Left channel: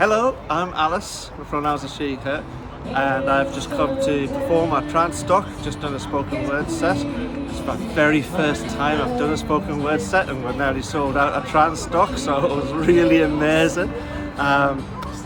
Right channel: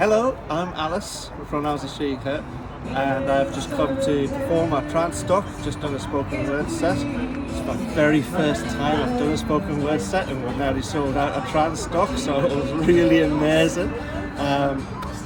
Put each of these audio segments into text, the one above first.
Hello, I'm Alice, my pronouns are she, her, and I've just come to perform at Transtock, just done a spoken word set. It's my very first time I've done a spoken word set, and we're nearly sold out at Transtock, so it was really amazing.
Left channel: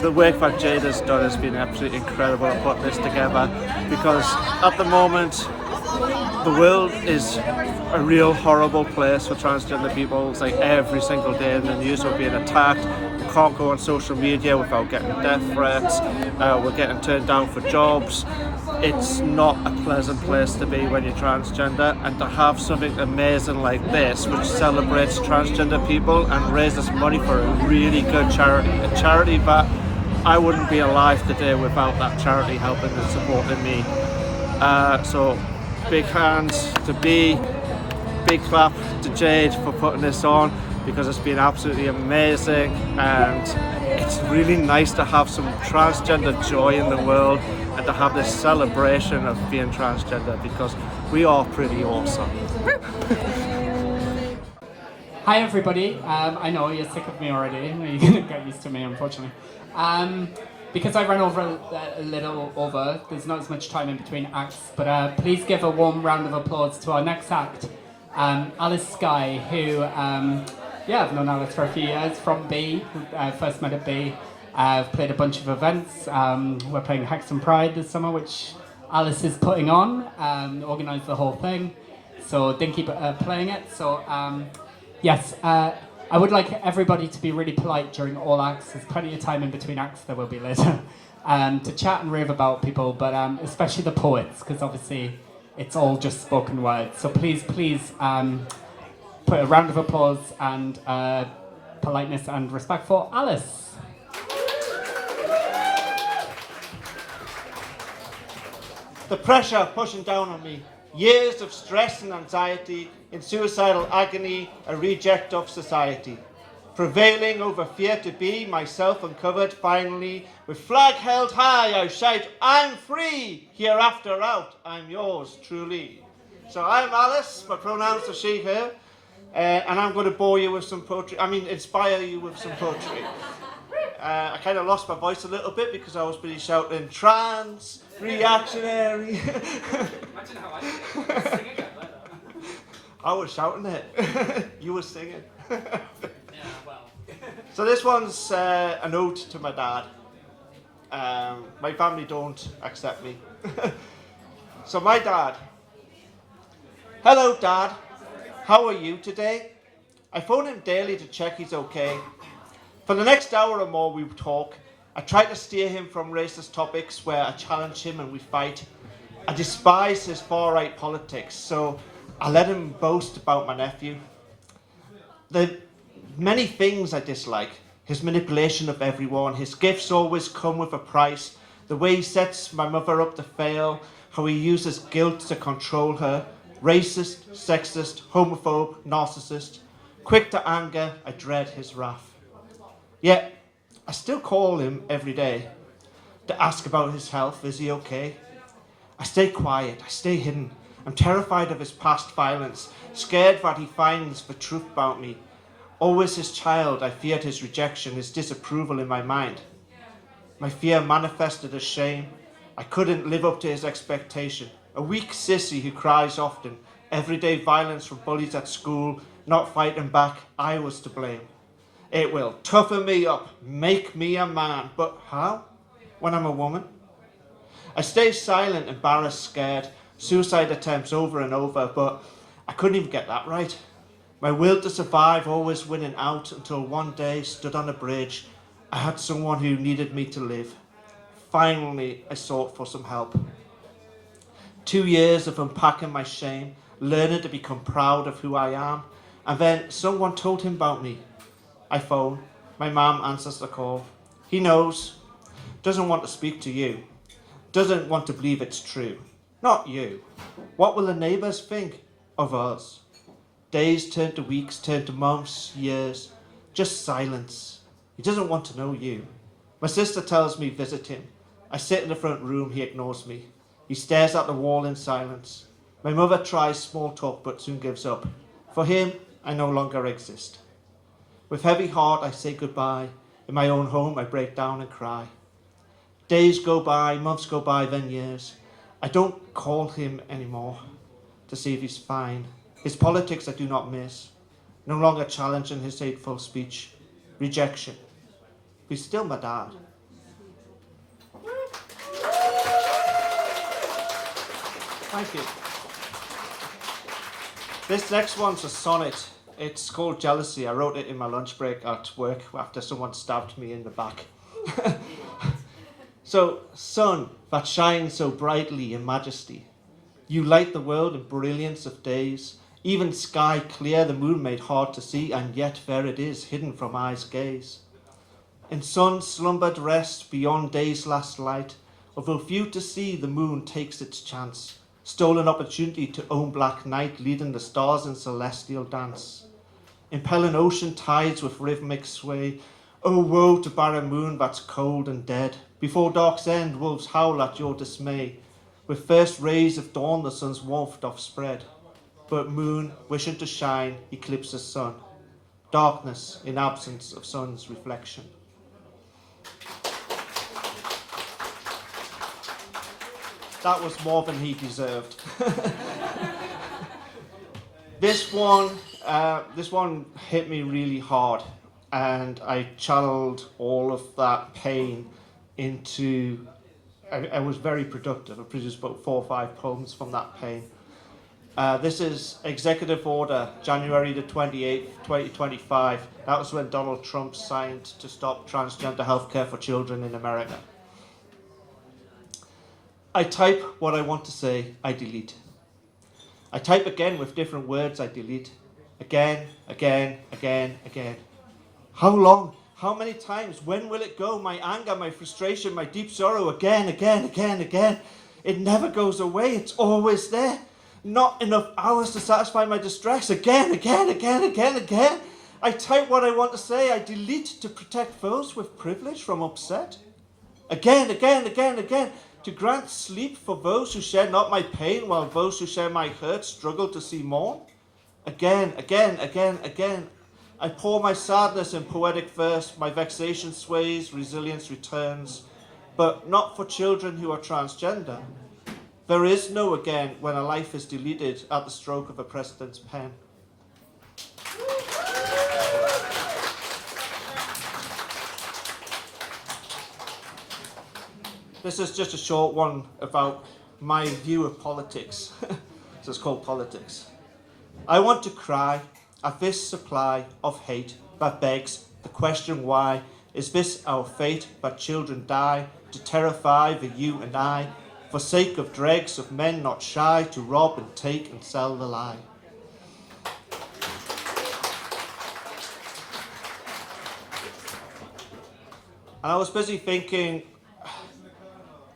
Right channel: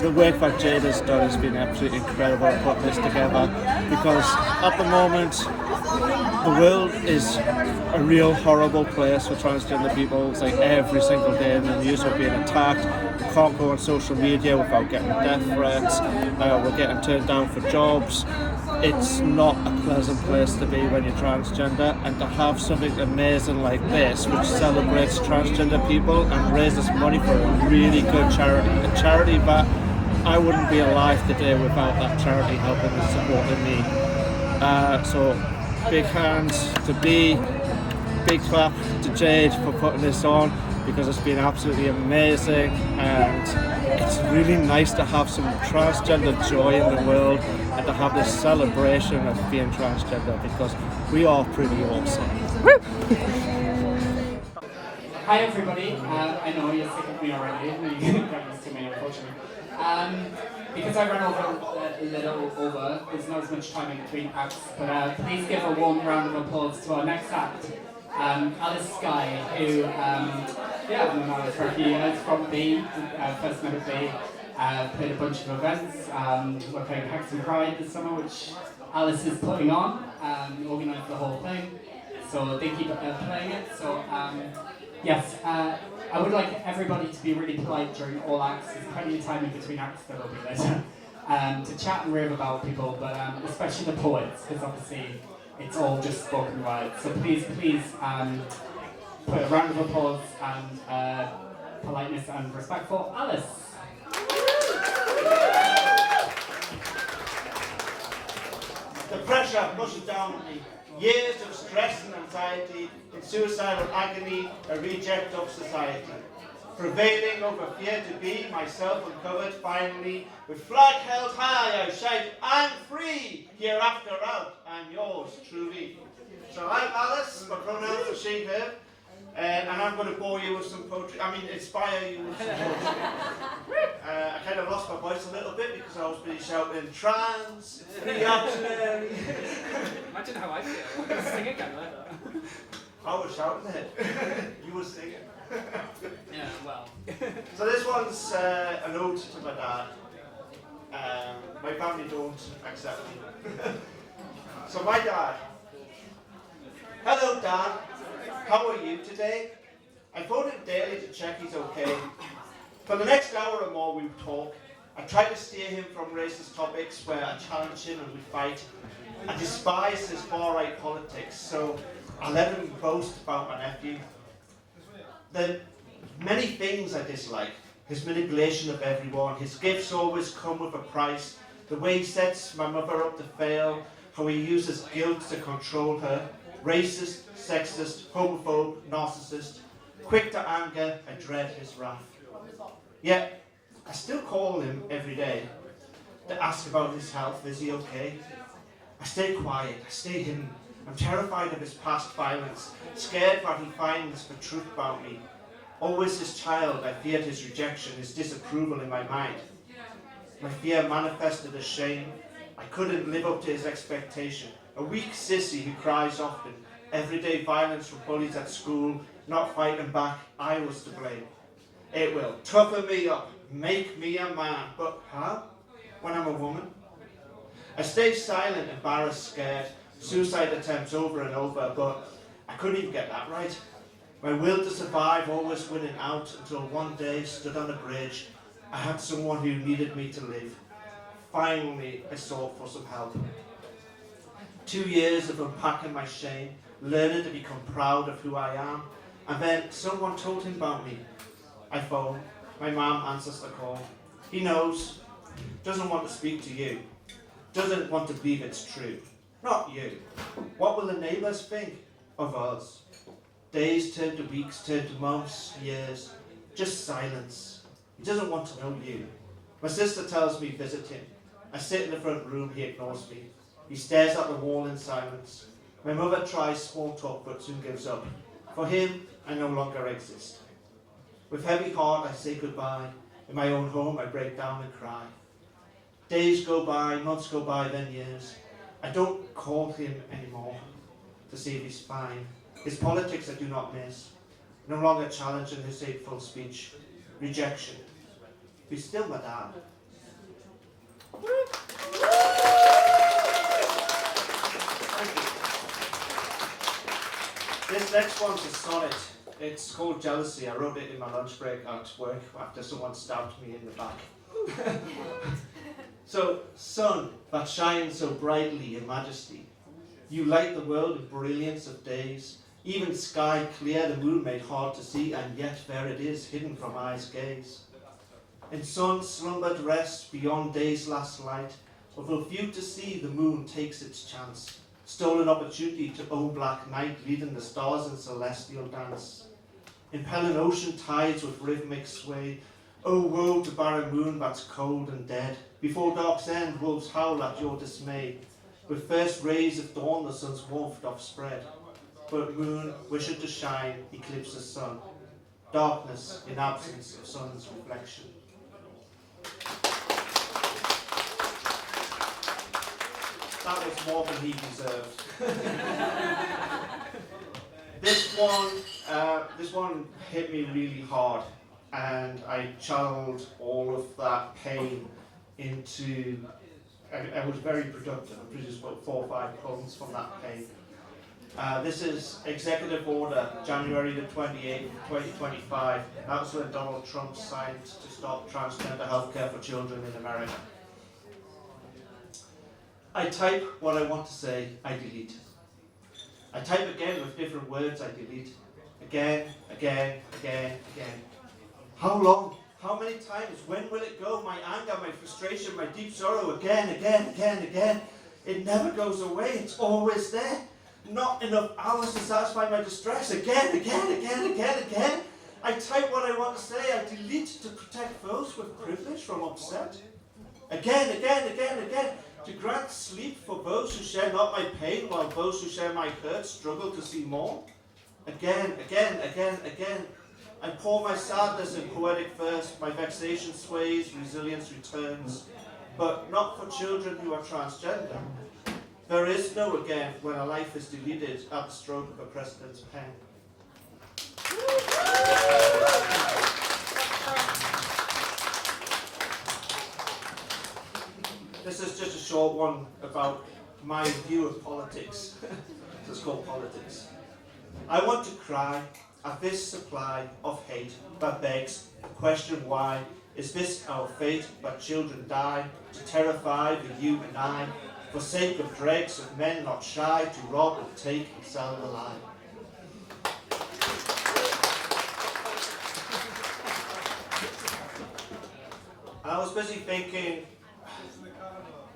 The work that Jade has done has been absolutely incredible putting this together, because at the moment the world is a real horrible place for transgender people. It's like every single day in the news we're being attacked. We can't go on social media without getting death threats. We're getting turned down for jobs. It's not a pleasant place to be when you're transgender, and to have something amazing like this which celebrates transgender people and raises money for a really good charity, a charity that I wouldn't be alive today without that charity helping and supporting me. So big hands to B, big clap to Jade for putting this on, because it's been absolutely amazing, and it's really nice to have some transgender joy in the world and to have this celebration of being transgender, because we are pretty awesome. Hi everybody, I know you're sick of me already, you're going to get used to me unfortunately. Because I ran over a little over, there's not as much time in between acts, but please give a warm round of applause to our next act, Alice Skye, who, I've known Alice for a few years from B, first met at B, played a bunch of events. We're playing Hexham Pride this summer, which Alice is putting on, organised the whole thing, so did keep playing it. So yes, I would like everybody to be really polite during all acts. There's plenty of time in between acts, there will be later, to chat and rave about people, but especially the poets, because obviously it's all just spoken words. So please put a round of applause and politeness and respect for Alice. The pressure pushing down on me, years of stress and anxiety, in suicidal agony, a reject of society. Prevailing over fear to be myself uncovered finally, with flag held high I shout, I'm free, hereafter out, I'm yours truly. So I'm Alice, my pronouns are she, her, and I'm going to bore you with some poetry, inspire you with some poetry. I kind of lost my voice a little bit because I was busy shouting trans, reactionary. Imagine how I did it. Sing again, I was shouting it. You were singing. Yeah, well. So this one's an ode to my dad. My family don't accept me. So my dad. Hello Dad, how are you today? I phone him daily to check he's okay. For the next hour or more we talk. I try to steer him from racist topics where I challenge him and we fight. I despise his far-right politics, so I let him boast about my nephew. The many things I dislike. His manipulation of everyone, his gifts always come with a price, the way he sets my mother up to fail, how he uses guilt to control her, racist, sexist, homophobe, narcissist. Quick to anger, I dread his wrath. Yet, I still call him every day to ask about his health, is he okay? I stay quiet, I stay hidden. I'm terrified of his past violence, scared that he finds the truth about me. Always his child, I feared his rejection, his disapproval in my mind. My fear manifested as shame. I couldn't live up to his expectation. A weak sissy who cries often, everyday violence from bullies at school, not fighting back, I was to blame. It will toughen me up, make me a man, but how? When I'm a woman? I stay silent, embarrassed, scared, suicide attempts over and over, but I couldn't even get that right. My will to survive always winning out until one day, stood on a bridge, I had someone who needed me to live. Finally, I sought for some help. 2 years of unpacking my shame, learning to become proud of who I am, and then someone told him about me. I phone, my mum answers the call. He knows, doesn't want to speak to you, doesn't want to believe it's true. Not you. What will the neighbours think of us? Days turn to weeks, turn to months, years, just silence. He doesn't want to know you. My sister tells me visit him. I sit in the front room, he ignores me. He stares at the wall in silence. My mother tries small talk but soon gives up. For him, I no longer exist. With heavy heart I say goodbye. In my own home, I break down and cry. Days go by, months go by, then years. I don't call him anymore to see if he's fine. His politics I do not miss. No longer challenging his hateful speech. Rejection. He's still my dad. Thank you. This next one's a sonnet. It's called Jealousy. I wrote it in my lunch break at work after someone stabbed me in the back. So, sun that shines so brightly in majesty, you light the world in brilliance of days, even sky clear the moon made hard to see, and yet there it is, hidden from eye's gaze. In sun slumbered rest beyond day's last light, although few to see the moon takes its chance, stolen opportunity to own black night, leading the stars in celestial dance. Impelling ocean tides with rhythmic sway, oh woe to barren moon that's cold and dead. Before dark's end, wolves howl at your dismay. With first rays of dawn, the sun's warmth doth spread. But moon, wishing to shine, eclipses sun. Darkness in absence of sun's reflection. That was more than he deserved. This one hit me really hard, and I channeled all of that pain into. I was very productive. I produced about 4 or 5 poems from that pain. This is Executive Order, January the 28th, 2025. That was when Donald Trump signed to stop transgender healthcare for children in America. I type what I want to say, I delete. I type again with different words, I delete. Again, again, again, again. How long? How many times? When will it go? My anger, my frustration, my deep sorrow, again, again, again, again. It never goes away, it's always there. Not enough hours to satisfy my distress. Again, again, again, again, again. I type what I want to say, I delete to protect those with privilege from upset. Again, again, again, again. To grant sleep for those who share not my pain, while those who share my hurt struggle to see more. Again, again, again, again. I pour my sadness in poetic verse, my vexation sways, resilience returns, but not for children who are transgender. There is no again when a life is deleted at the stroke of a president's pen. This is just a short one about my view of politics. So it's called Politics. I want to cry at this supply of hate that begs the question why. Is this our fate, that children die to terrify the you and I, for sake of dregs of men not shy to rob and take and sell the lie? And I was busy thinking,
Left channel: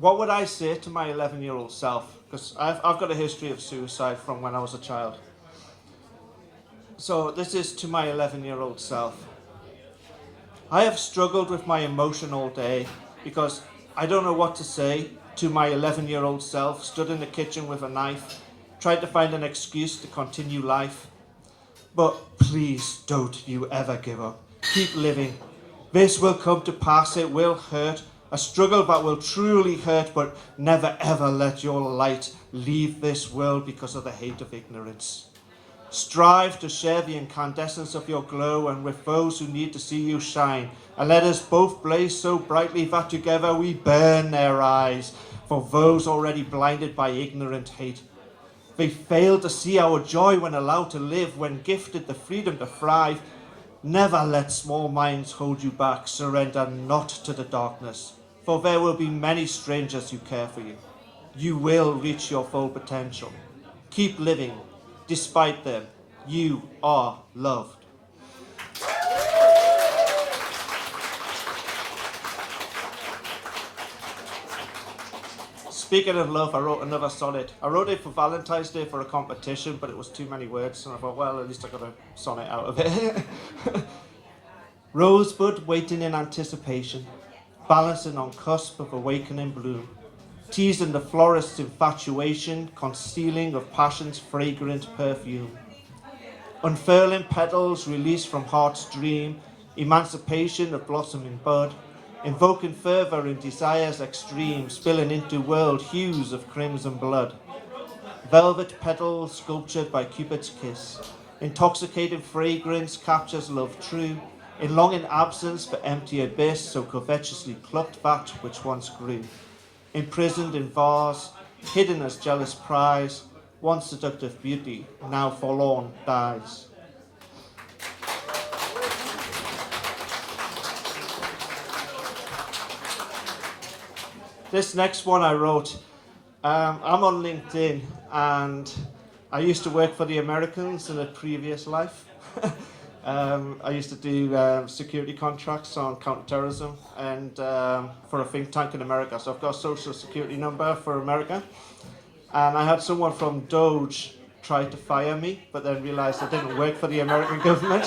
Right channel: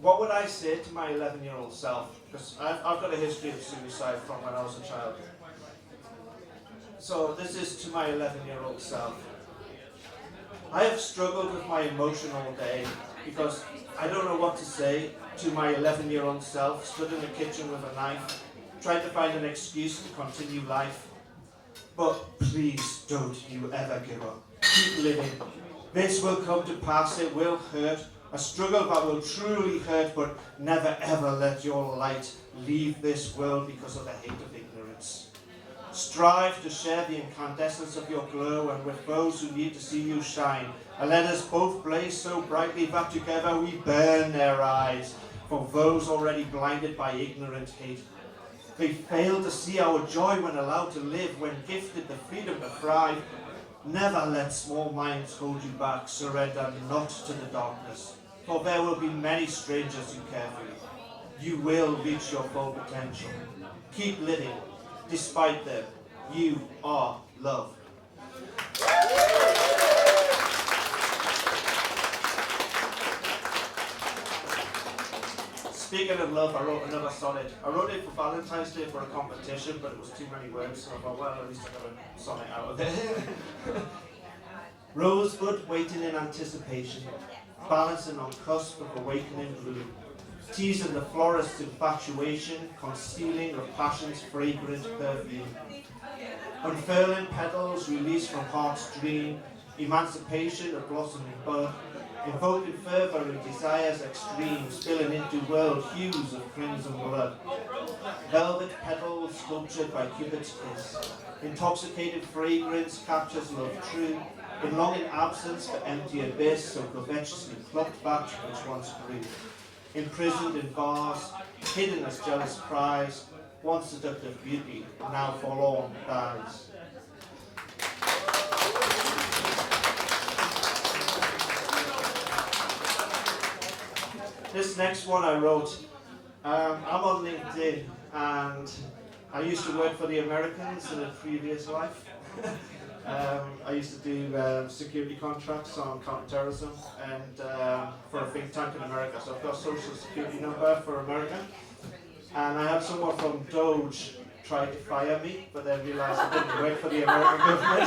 what would I say to my 11-year-old self? Because I've got a history of suicide from when I was a child. So this is to my 11-year-old self. I have struggled with my emotion all day because I don't know what to say to my 11-year-old self, stood in the kitchen with a knife, tried to find an excuse to continue life. But please don't you ever give up. Keep living. This will come to pass, it will hurt. A struggle that will truly hurt, but never ever let your light leave this world because of the hate of ignorance. Strive to share the incandescence of your glow, and with those who need to see you shine, and let us both blaze so brightly that together we burn their eyes, for those already blinded by ignorant hate. They fail to see our joy when allowed to live, when gifted the freedom to thrive. Never let small minds hold you back, surrender not to the darkness, for there will be many strangers who care for you. You will reach your full potential. Keep living. Despite them, you are loved. Speaking of love, I wrote another sonnet. I wrote it for Valentine's Day for a competition, but it was too many words, so I thought, well, at least I got a sonnet out of it. Rosebud waiting in anticipation, balancing on cusp of awakening bloom, teasing the florist's infatuation, concealing of passion's fragrant perfume. Unfurling petals released from heart's dream, emancipation of blossoming bud, invoking fervour and desires extreme, spilling into world hues of crimson blood. Velvet petals sculptured by Cupid's kiss, intoxicating fragrance captures love true, in longing absence for empty abyss, so covetously plucked that which once grew. Imprisoned in vase, hidden as jealous prize, once seductive beauty, now forlorn dies. This next one I wrote, I'm on LinkedIn, and I used to work for the Americans in a previous life. I used to do security contracts on counterterrorism and for a think tank in America. So I've got a social security number for America. And I had someone from Doge try to fire me, but then realised I didn't work for the American government.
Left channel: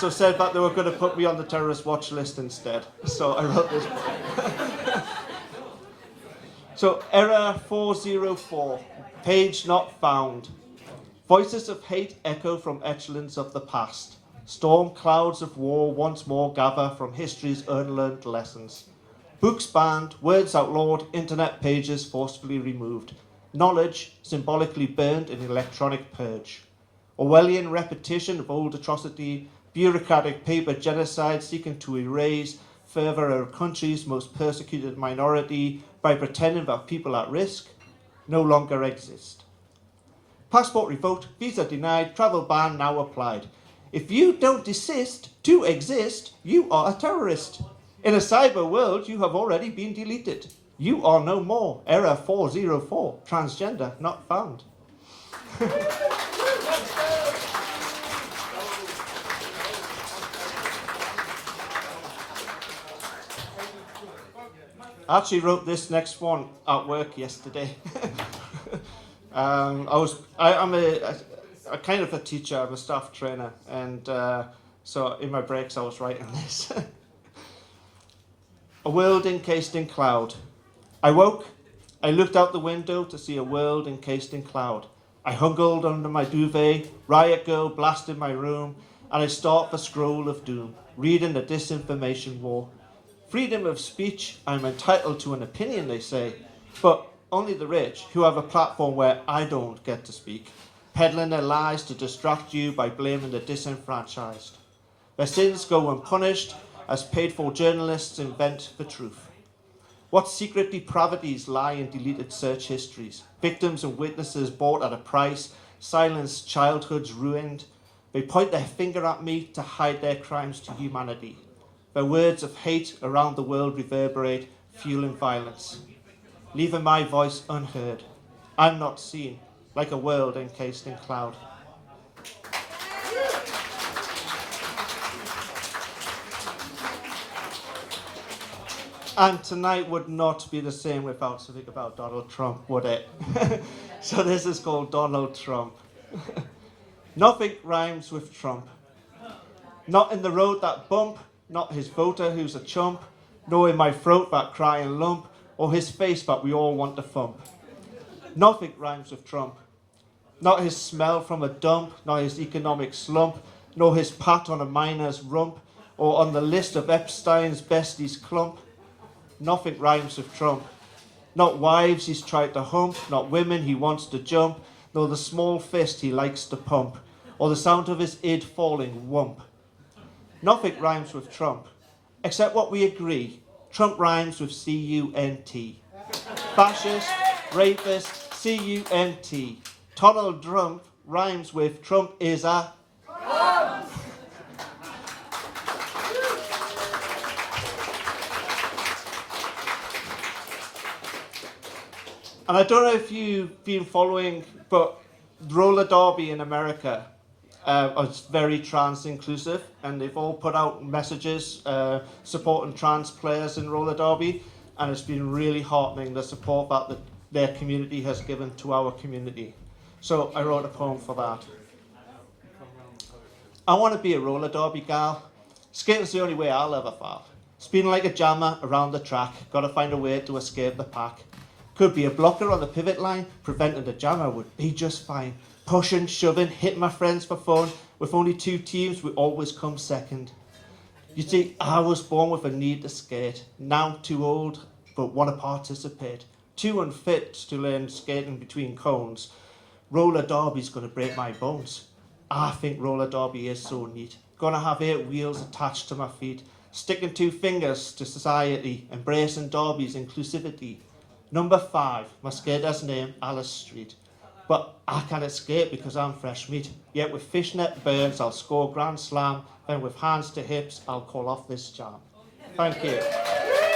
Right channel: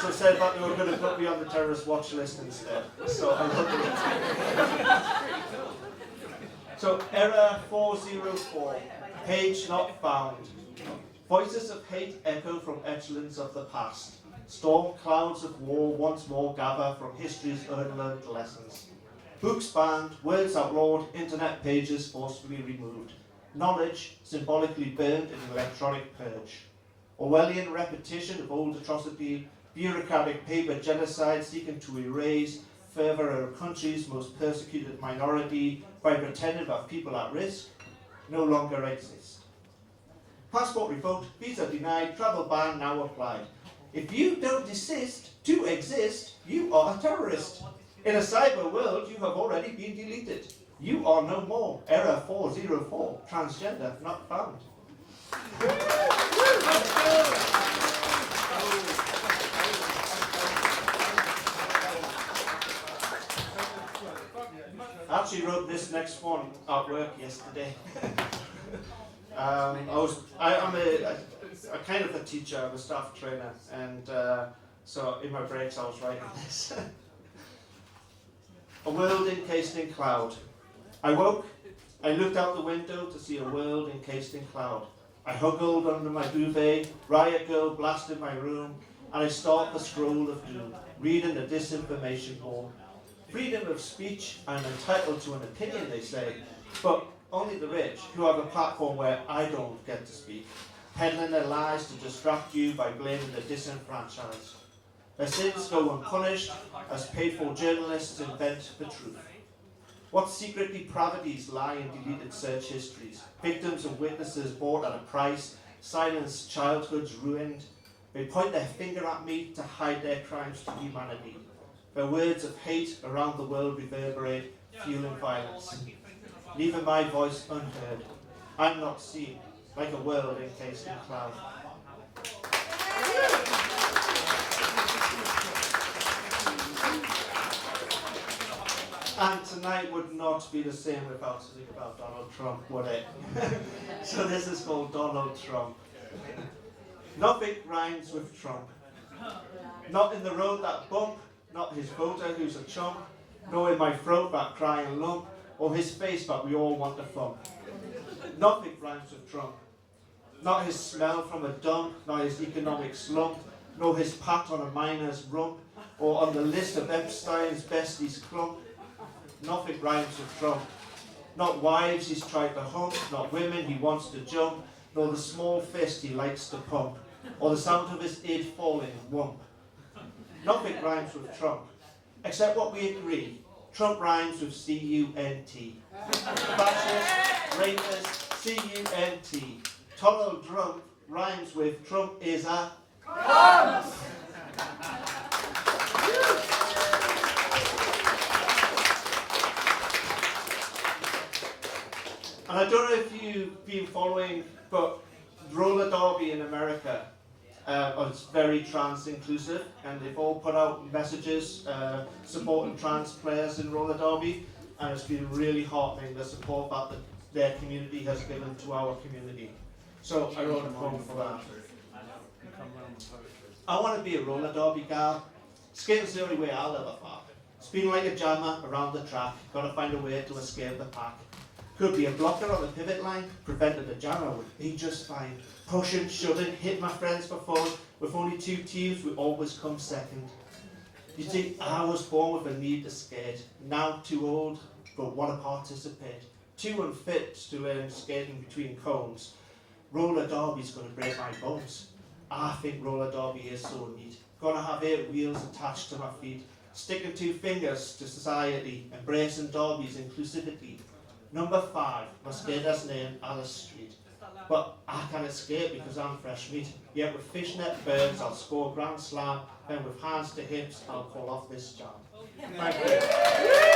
So said that they were going to put me on the terrorist watch list instead. So I wrote this. So error 404, page not found. Voices of hate echo from echelons of the past. Storm clouds of war once more gather from history's unlearned lessons. Books banned, words outlawed, internet pages forcefully removed. Knowledge symbolically burned in electronic purge. Orwellian repetition of old atrocity, bureaucratic paper genocide seeking to erase further our country's most persecuted minority by pretending that people at risk no longer exist. Passport revoked, visa denied, travel ban now applied. If you don't desist to exist, you are a terrorist. In a cyber world, you have already been deleted. You are no more. Error 404, transgender not found. I actually wrote this next one at work yesterday. I'm a kind of a teacher, I'm a staff trainer, and so in my breaks I was writing this. A world encased in cloud. I woke, I looked out the window to see a world encased in cloud. I huggled under my duvet, riot girl blasted my room, and I stalked the scroll of doom, reading the disinformation war. Freedom of speech, I'm entitled to an opinion, they say, but only the rich, who have a platform where I don't get to speak, peddling their lies to distract you by blaming the disenfranchised. Their sins go unpunished, as paid-for journalists invent the truth. What secret depravities lie in deleted search histories? Victims and witnesses bought at a price, silenced childhoods ruined. They point their finger at me to hide their crimes to humanity. Their words of hate around the world reverberate, fueling violence, leaving my voice unheard. I'm not seen, like a world encased in cloud. And tonight would not be the same without something about Donald Trump, would it? So this is called Donald Trump. Nothing rhymes with Trump. Not in the road that bump, not his voter who's a chump, nor in my throat that crying lump, or his face that we all want to thump. Nothing rhymes with Trump. Not his smell from a dump, not his economic slump, nor his pat on a miner's rump, or on the list of Epstein's besties clump. Nothing rhymes with Trump. Not wives he's tried to hump, not women he wants to jump, nor the small fist he likes to pump, or the sound of his id falling whump. Nothing rhymes with Trump, except what we agree. Trump rhymes with C-U-N-T. Fascist, rapist, C-U-N-T. Donald Trump rhymes with Trump is a... And I don't know if you've been following, but roller derby in America is very trans inclusive, and they've all put out messages supporting trans players in roller derby, and it's been really heartening the support that their community has given to our community. So I wrote a poem for that. I want to be a roller derby gal. Skating's the only way I'll ever fall. Speeding like a jammer around the track, gotta find a way to escape the pack. Could be a blocker on the pivot line, prevented a jammer would be just fine. Pushing, shoving, hitting my friends for fun. With only 2 teams, we always come second. You see, I was born with a need to skate, now too old but want to participate, too unfit to learn skating between cones. Roller derby's gonna break my bones. I think roller derby is so neat. Gonna have 8 wheels attached to my feet, sticking 2 fingers to society, embracing derby's inclusivity. Number 5, my skater's name, Alice Street. But I can't escape because I'm fresh meat. Yet with fishnet birds, I'll score grand slam, and with hands to hips, I'll call off this jam. Thank you.